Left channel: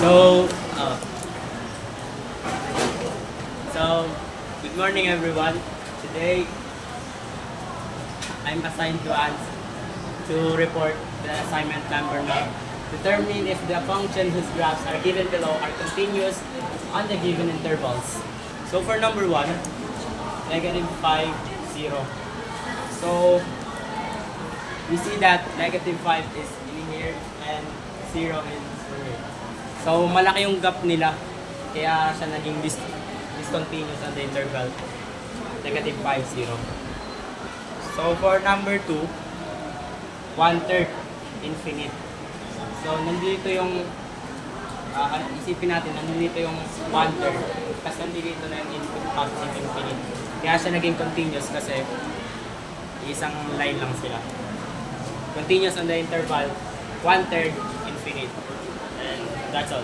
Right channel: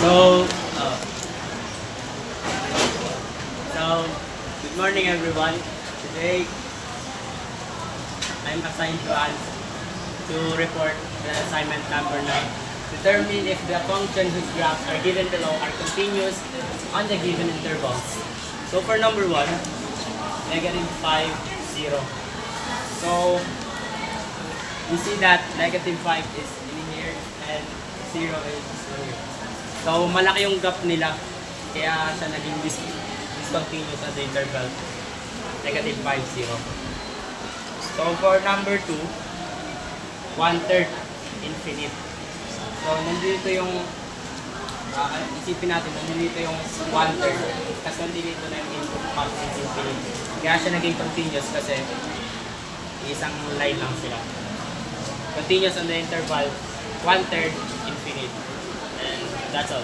So, uh, so, good morning everyone. Today, I'm assigned to report the assignment number 9. Determine if the function whose graphs are given below are continuous on the given intervals. So for number 1, negative 5, 0. So, we see that negative 5 is in here and 0 is here. So, malaki yung gap nila. Kaya sa naging discontinuous on the interval. Negative 5, 0. So, for number 2, 1/3 infinite. So, nandito yung isipin natin, nandito yung 1/3. Kasi nandito na yung input function infinite. Kaya siya naging continuous kasi isang line lang sila. Continuous on the interval, 1/3 infinite. And that's all.